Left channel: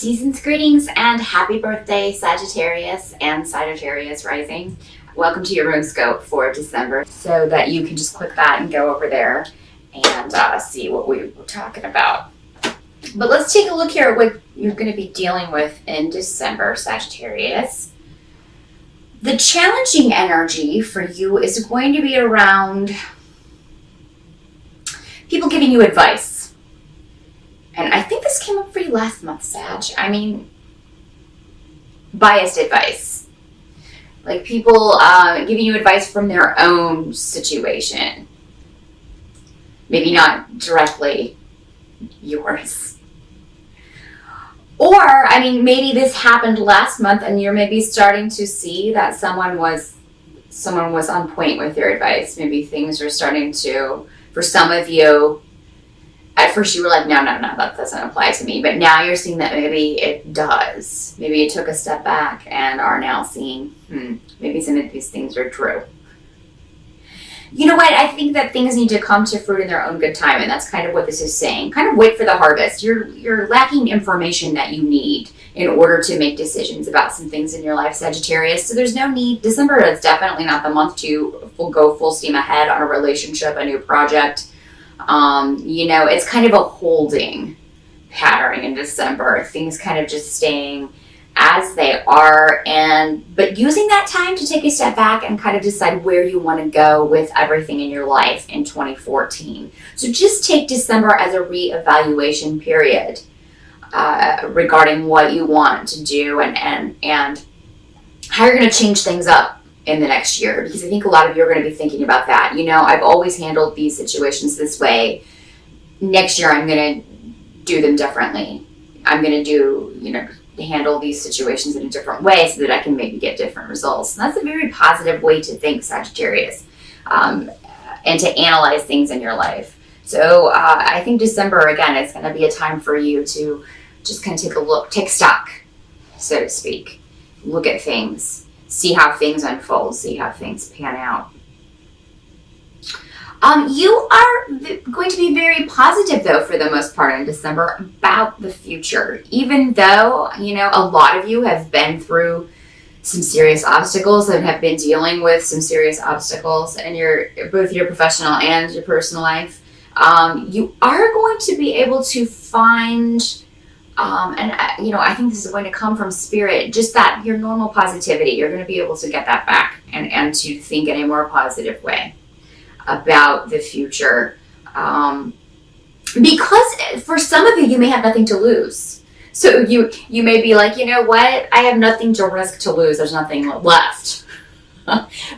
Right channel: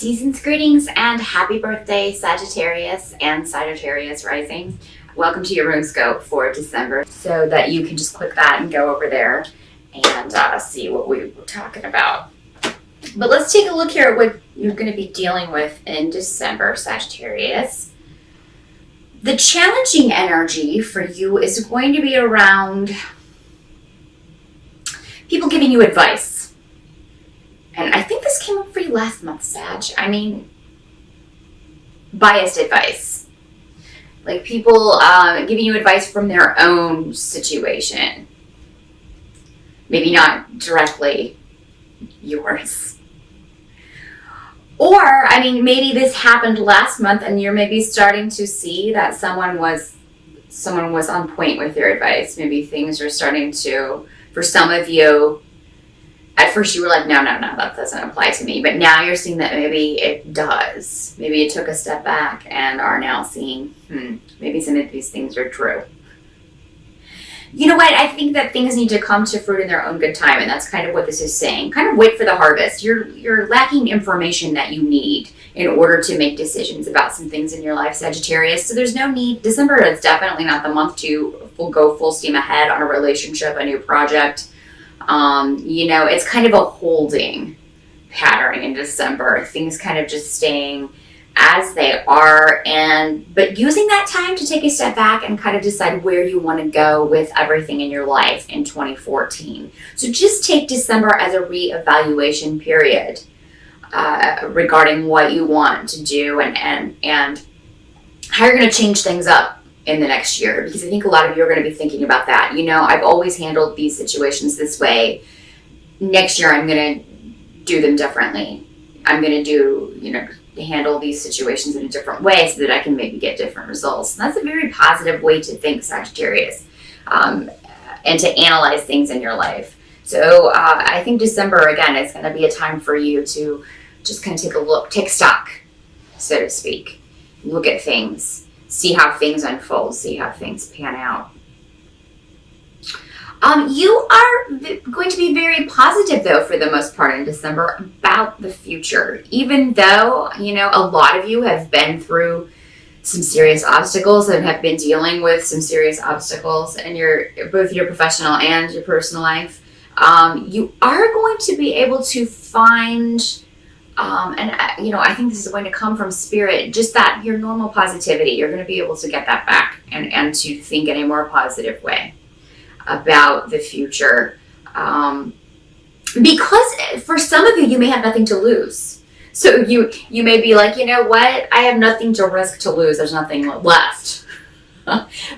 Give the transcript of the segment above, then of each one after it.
Season's greetings and happy birthday, Sagittarius and Sagittarius rising. Welcome to your rune scope for December, so that you can just click that and go over there and see what we were talking about. But let's take a look here at what you're going to be dealing with in December, Sagittarius. The challenging energy for you is going to be around people giving you advice. And I think this came up for you last month, Sag. I mean, biased advice. Like people giving you advice from their own situation. Maybe not directly yours. Or, I mean, maybe this happened last month and you're maybe starting to see that someone was on point with your advice. Maybe things are starting to, for some of you, at first you were like, no, that doesn't apply to me. But now you're seeing that maybe it does. Maybe you took a step back and are now seeing, maybe some of these things are true. You know what? I think that things need to come to fruit in their own good time. And that's kind of what this is saying. Kind of wait for the harvest. You're lacking information that you need in order to make decisions about some things in your life, Sagittarius. So there's no need. December is definitely not the month to go full steam ahead on a relationship, a new project. It's kind of a holding pattern in December. Things kind of just staying as they are, but using that time to take a step back and kind of decide where you want to go with everything in your life in 2014. So just take December as a reevaluation period regarding what you want to do and how you're going to change things up in the next year, because I think a lot of you are going to be thinking about that. I've always handled these situations this way. Next year, I'm going to do them differently. I'm going to handle these situations in a different way so that I can maybe get different results. And that's a very positive way to think, Sagittarius, and to analyze things in your life. So I think December, again, is going to be a time for you to just kind of take a look, take stock, so to speak. Look at things. See how things unfold, see how things pan out. You are going to be very positive, though, for the most part in December about the future. Even though, a lot of you have been through some serious obstacles and have been dealing with some serious obstacles in both your professional and your personal life, you are going to be able to find... I think this is going to come from spirit, just that your normal positivity, you're going to be able to get that back and to think in a more positive way about the future. Because for some of you may have nothing to lose. So you may be like, you know what? I have nothing to risk to lose. There's nothing left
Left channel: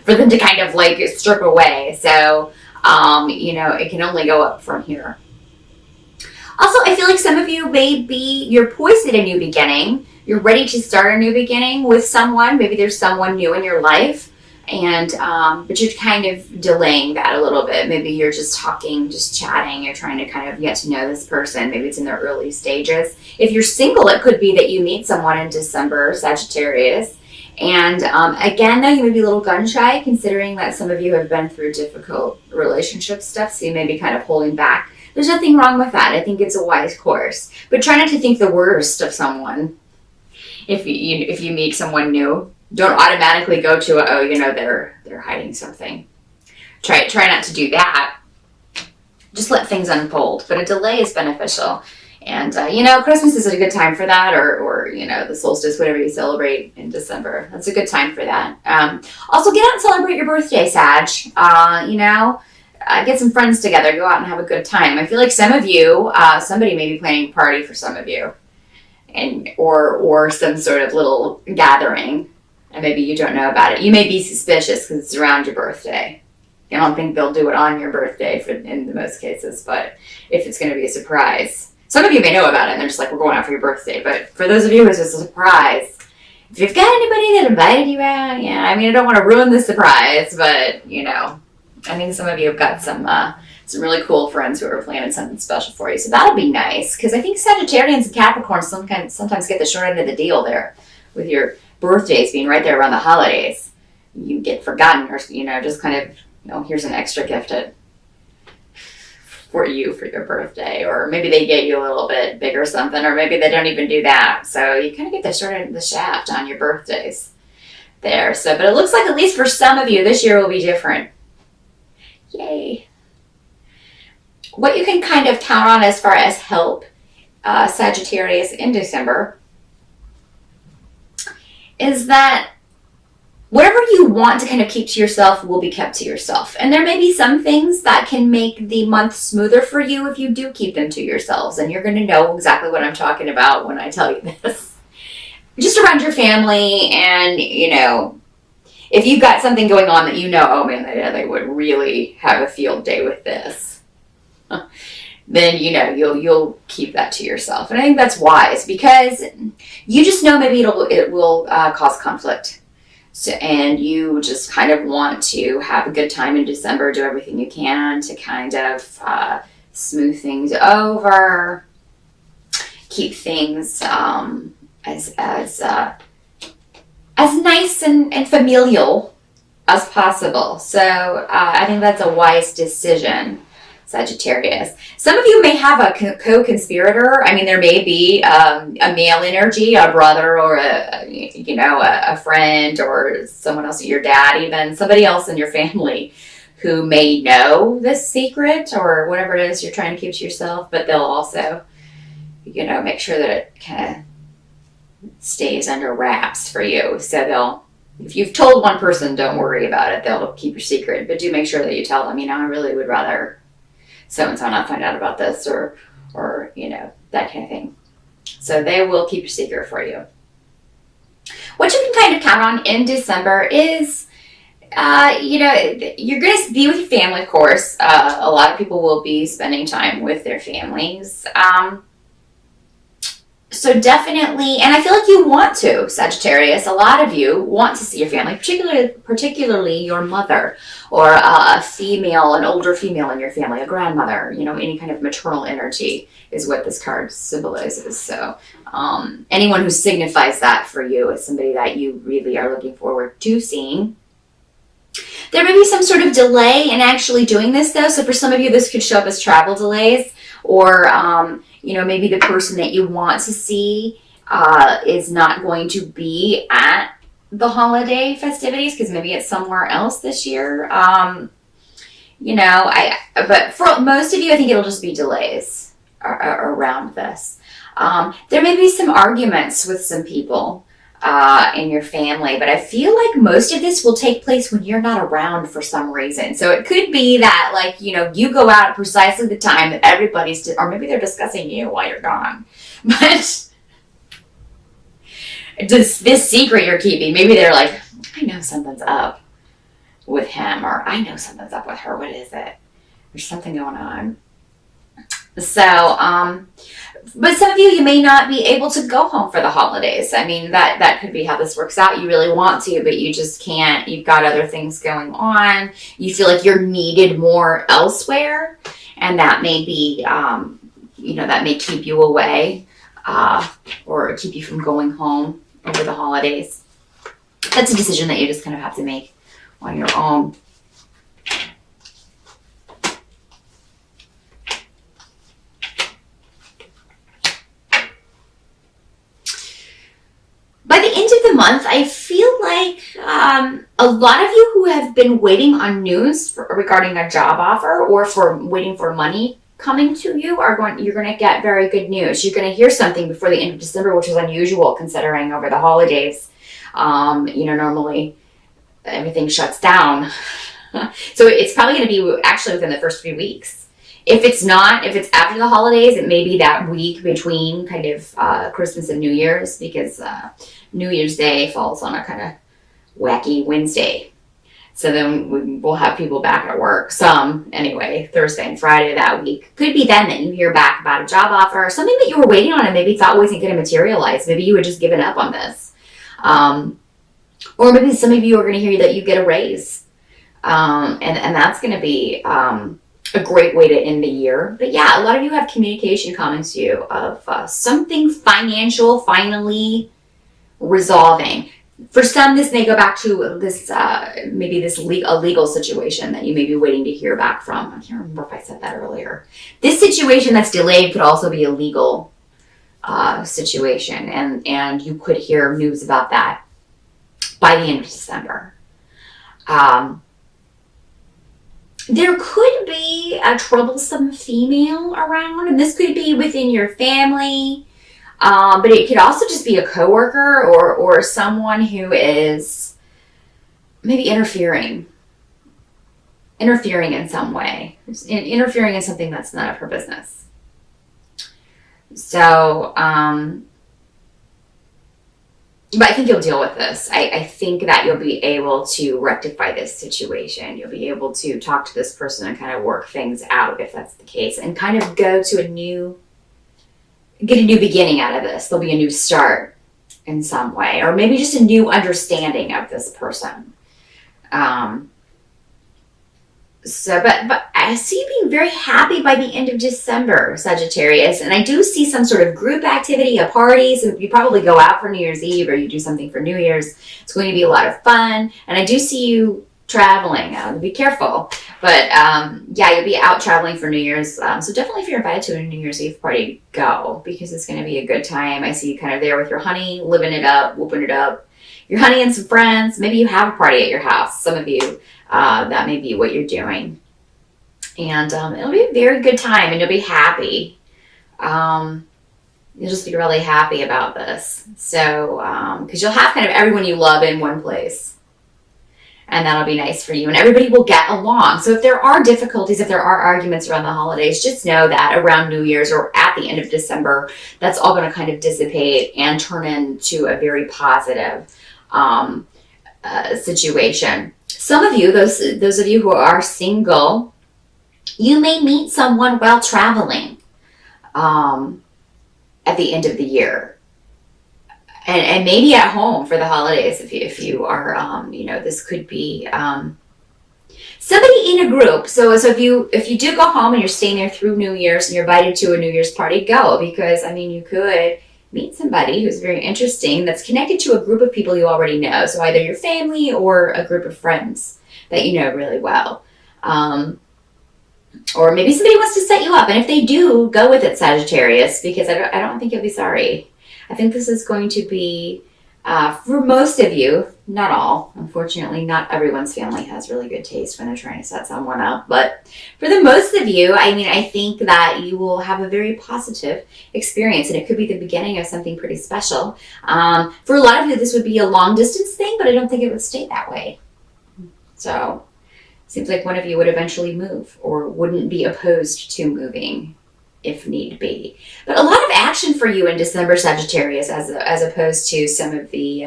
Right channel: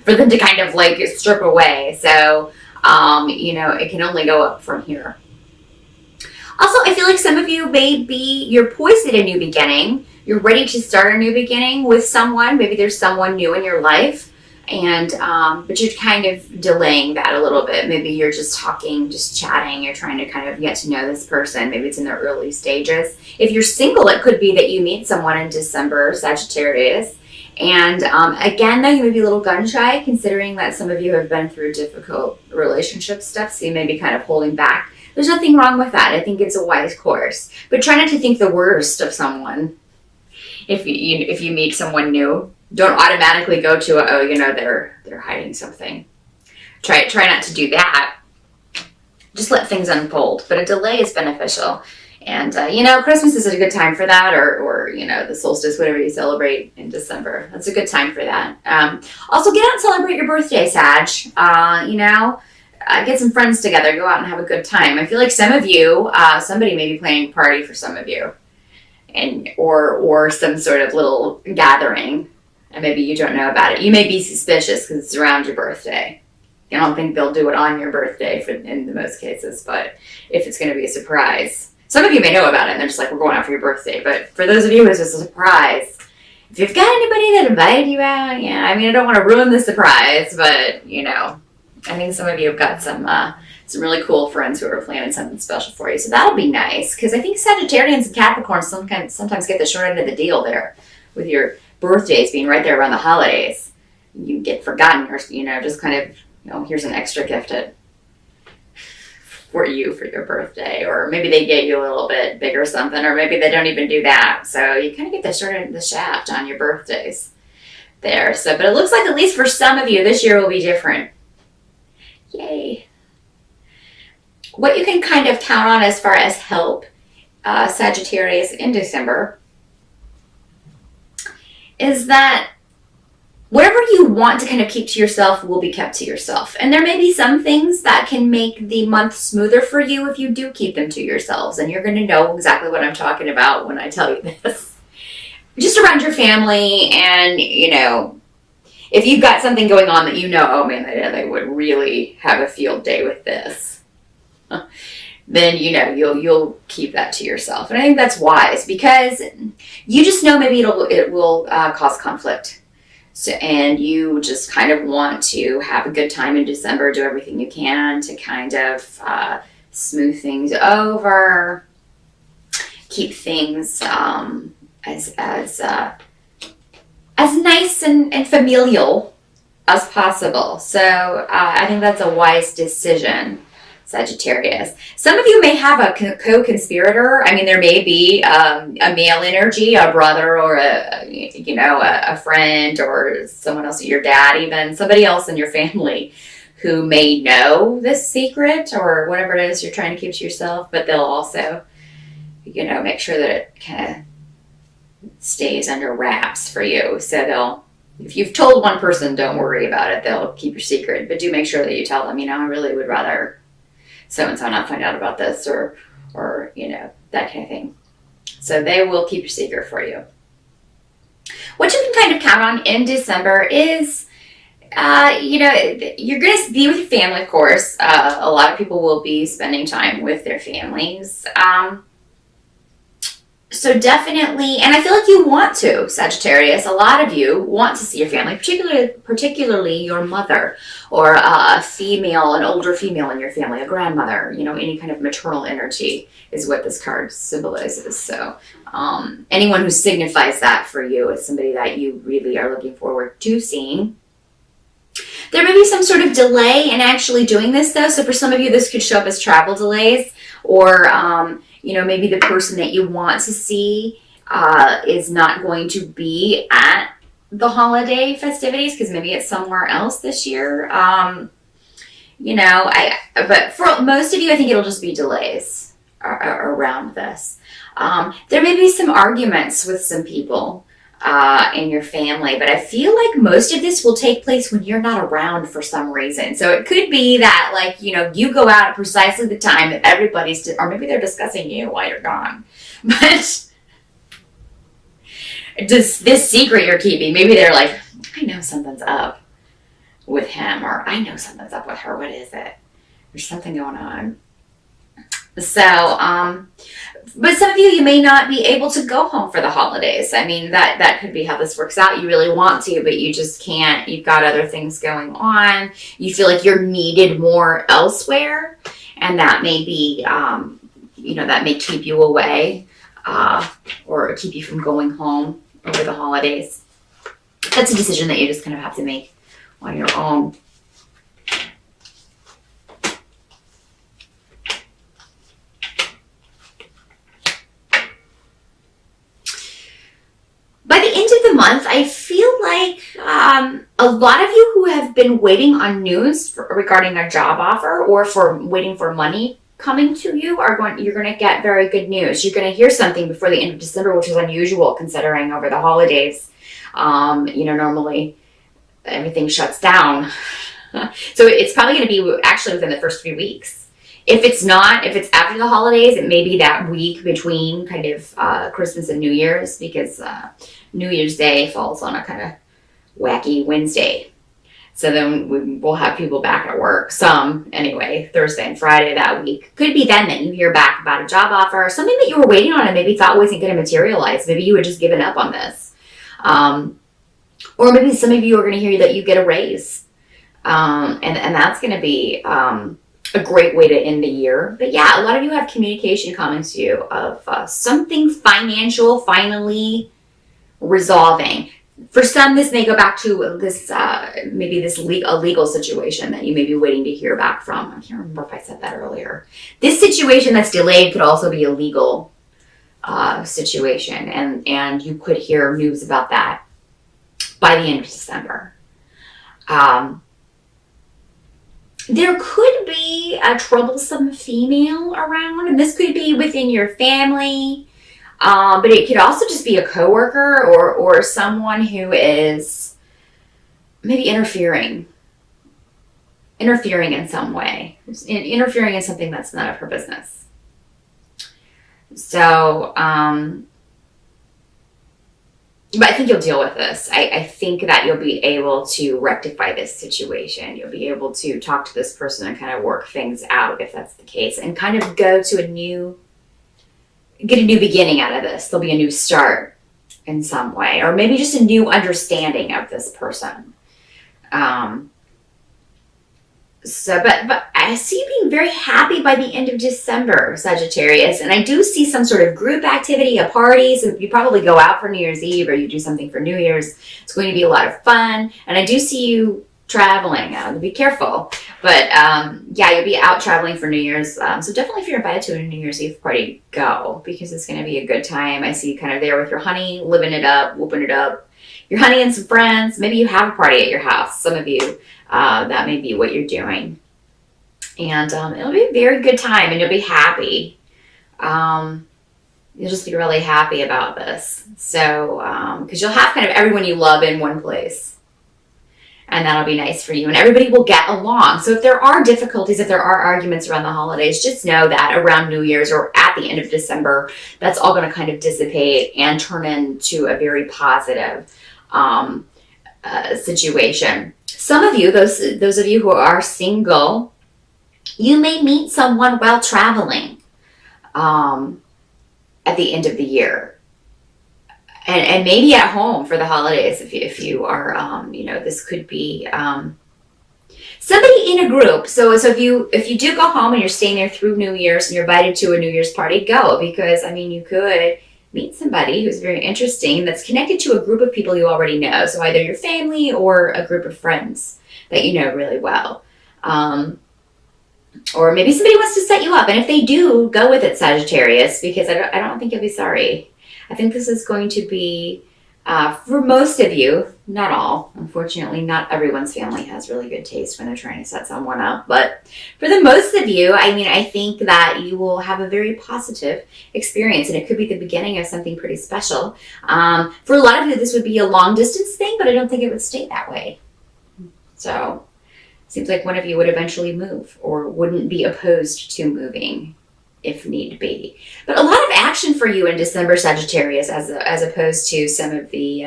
for them to kind of like strip away. So, it can only go up from here. Also, I feel like some of you you're poised at a new beginning. You're ready to start a new beginning with someone. Maybe there's someone new in your life, but you're kind of delaying that a little bit. Maybe you're just talking, just chatting. You're trying to kind of get to know this person. Maybe it's in the early stages. If you're single, it could be that you meet someone in December, Sagittarius. And again, though, you may be a little gun shy, considering that some of you have been through difficult relationship stuff, so you may be kind of holding back. There's nothing wrong with that. I think it's a wise course. But try not to think the worst of someone. If you meet someone new, don't automatically go to they're hiding something. Try not to do that. Just let things unfold. But a delay is beneficial. And Christmas is a good time for that, or the solstice, whatever you celebrate in December. That's a good time for that. Also, get out and celebrate your birthday, Sag. Get some friends together, go out and have a good time. I feel like some of you, somebody may be planning a party for some of you, or some sort of little gathering, and maybe you don't know about it. You may be suspicious because it's around your birthday. I don't think they'll do it on your birthday in the most cases, but if it's going to be a surprise, some of you may know about it and they're just like, we're going out for your birthday. But for those of you, it's just a surprise. If you've got anybody that invited you out, I don't want to ruin the surprise, but I think some of you have got some really cool friends who are planning something special for you. So that'll be nice, because I think Sagittarians and Capricorns sometimes get the short end of the deal there with your birthdays being right there around the holidays. You get forgotten, or just kind of, here's an extra gift at for you for your birthday, or maybe they get you a little bit bigger something, or maybe they don't even do that. So you kind of get the short end of the shaft on your birthdays there. So, but it looks like at least for some of you, this year will be different. Yay. What you can kind of count on as far as help, Sagittarius, in December, is that whatever you want to kind of keep to yourself will be kept to yourself. And there may be some things that can make the month smoother for you if you do keep them to yourselves. And you're going to know exactly what I'm talking about when I tell you this. Just around your family, and, you know, if you've got something going on that you know, oh man, they would really have a field day with this, then, you know, you'll keep that to yourself. And I think that's wise, because you just know maybe it will cause conflict. So, and you just kind of want to have a good time in December, do everything you can to kind of smooth things over, keep things as nice and familial as possible. So I think that's a wise decision, Sagittarius. Some of you may have a co-conspirator. I mean, there may be a male energy, a brother, or a friend, or someone else, your dad, even somebody else in your family who may know this secret or whatever it is you're trying to keep to yourself, but they'll also, make sure that it kind of stays under wraps for you. So if you've told one person, don't worry about it. They'll keep your secret, but do make sure that you tell them, I really would rather so-and-so not find out about this, or that kind of thing. So they will keep your secret for you. What you can kind of count on in December is, you're going to be with your family, of course. A lot of people will be spending time with their families. So definitely, and I feel like you want to, Sagittarius. A lot of you want to see your family, particularly your mother, or an older female in your family, a grandmother, any kind of maternal energy is what this card symbolizes. So anyone who signifies that for you is somebody that you really are looking forward to seeing. There may be some sort of delay in actually doing this, though. So for some of you, this could show up as travel delays, or maybe the person that you want to see is not going to be at the holiday festivities because maybe it's somewhere else this year. But for most of you, I think it'll just be delays around this. There may be some arguments with some people in your family, but I feel like most of this will take place when you're not around for some reason. So it could be that, you go out at precisely the time that everybody's, or maybe they're discussing you while you're gone. But just this secret you're keeping, maybe they're like, I know something's up with him, or I know something's up with her. What is it? There's something going on. So, but some of you may not be able to go home for the holidays. I mean, that could be how this works out. You really want to, but you just can't. You've got other things going on. You feel like you're needed more elsewhere, and that may be, that may keep you away, or keep you from going home over the holidays. That's a decision that you just kind of have to make on your own. By the end of the month, I feel like a lot of you who have been waiting on news regarding a job offer, or waiting for money coming to you, you're going to get very good news. You're going to hear something before the end of December, which is unusual considering over the holidays, normally everything shuts down. So it's probably going to be actually within the first 3 weeks. If it's after the holidays, it may be that week between kind of Christmas and New Year's, because New Year's Day falls on a kind of wacky Wednesday. So then we'll have people back at work, some anyway, Thursday and Friday that week. Could be then that you hear back about a job offer, something that you were waiting on and maybe thought wasn't going to materialize. Maybe you had just given up on this. Or maybe some of you are going to hear that you get a raise. And that's going to be a great way to end the year. But yeah, a lot of you have communication coming to you of something financial finally resolving. For some, this may go back to this, maybe this a legal situation that you may be waiting to hear back from. I can't remember if I said that earlier. This situation that's delayed could also be a legal situation, and you could hear news about that by the end of December. There could be a troublesome female around, and this could be within your family. But it could also just be a coworker or someone who is maybe interfering in some way, interfering in something that's none of her business. So, but I think you'll deal with this. I think that you'll be able to rectify this situation. You'll be able to talk to this person and kind of work things out if that's the case, and kind of go to get a new beginning out of this. There'll be a new start in some way, or maybe just a new understanding of this person. But I see you being very happy by the end of December, Sagittarius, and I do see some sort of group activity, a party. So you probably go out for New Year's Eve, or you do something for New Year's. It's going to be a lot of fun, and I do see you traveling. Be careful, but yeah, you'll be out traveling for New Year's. So definitely, if you're invited to a New Year's Eve party, go, because it's going to be a good time. I see you kind of there with your honey, living it up, whooping it up. Your honey and some friends. Maybe you have a party at your house. Some of you, that may be what you're doing, and it'll be a very good time, and you'll be happy. You'll just be really happy about this. So because you'll have kind of everyone you love in one place. And that'll be nice for you. And everybody will get along. So if there are difficulties, if there are arguments around the holidays, just know that around New Year's or at the end of December, that's all going to kind of dissipate and turn into a very positive situation. Some of you, those of you who are single, you may meet someone while traveling at the end of the year. And maybe at home for the holidays, if you are, this could be somebody in a group. So if you do go home and you're staying there through New Year's and you're invited to a New Year's party, go, because you could meet somebody who's very interesting that's connected to a group of people you already know. So either your family or a group of friends that you know really well. Or maybe somebody wants to set you up, and if they do, go with it, Sagittarius, because I don't think you'll be sorry. I think this is going to be, for most of you, not all. Unfortunately, not everyone's family has really good taste when they're trying to set someone up. But for the most of you, I think that you will have a very positive experience, and it could be the beginning of something pretty special. For a lot of you, this would be a long distance thing, but I don't think it would stay that way. So it seems like one of you would eventually move, or wouldn't be opposed to moving if need be. But a lot of action for you in December, Sagittarius, as opposed to some of the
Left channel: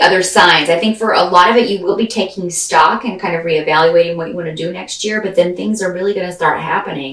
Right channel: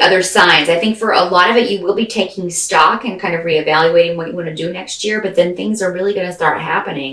other signs. I think for a lot of it, you will be taking stock and kind of reevaluating what you want to do next year, but then things are really going to start happening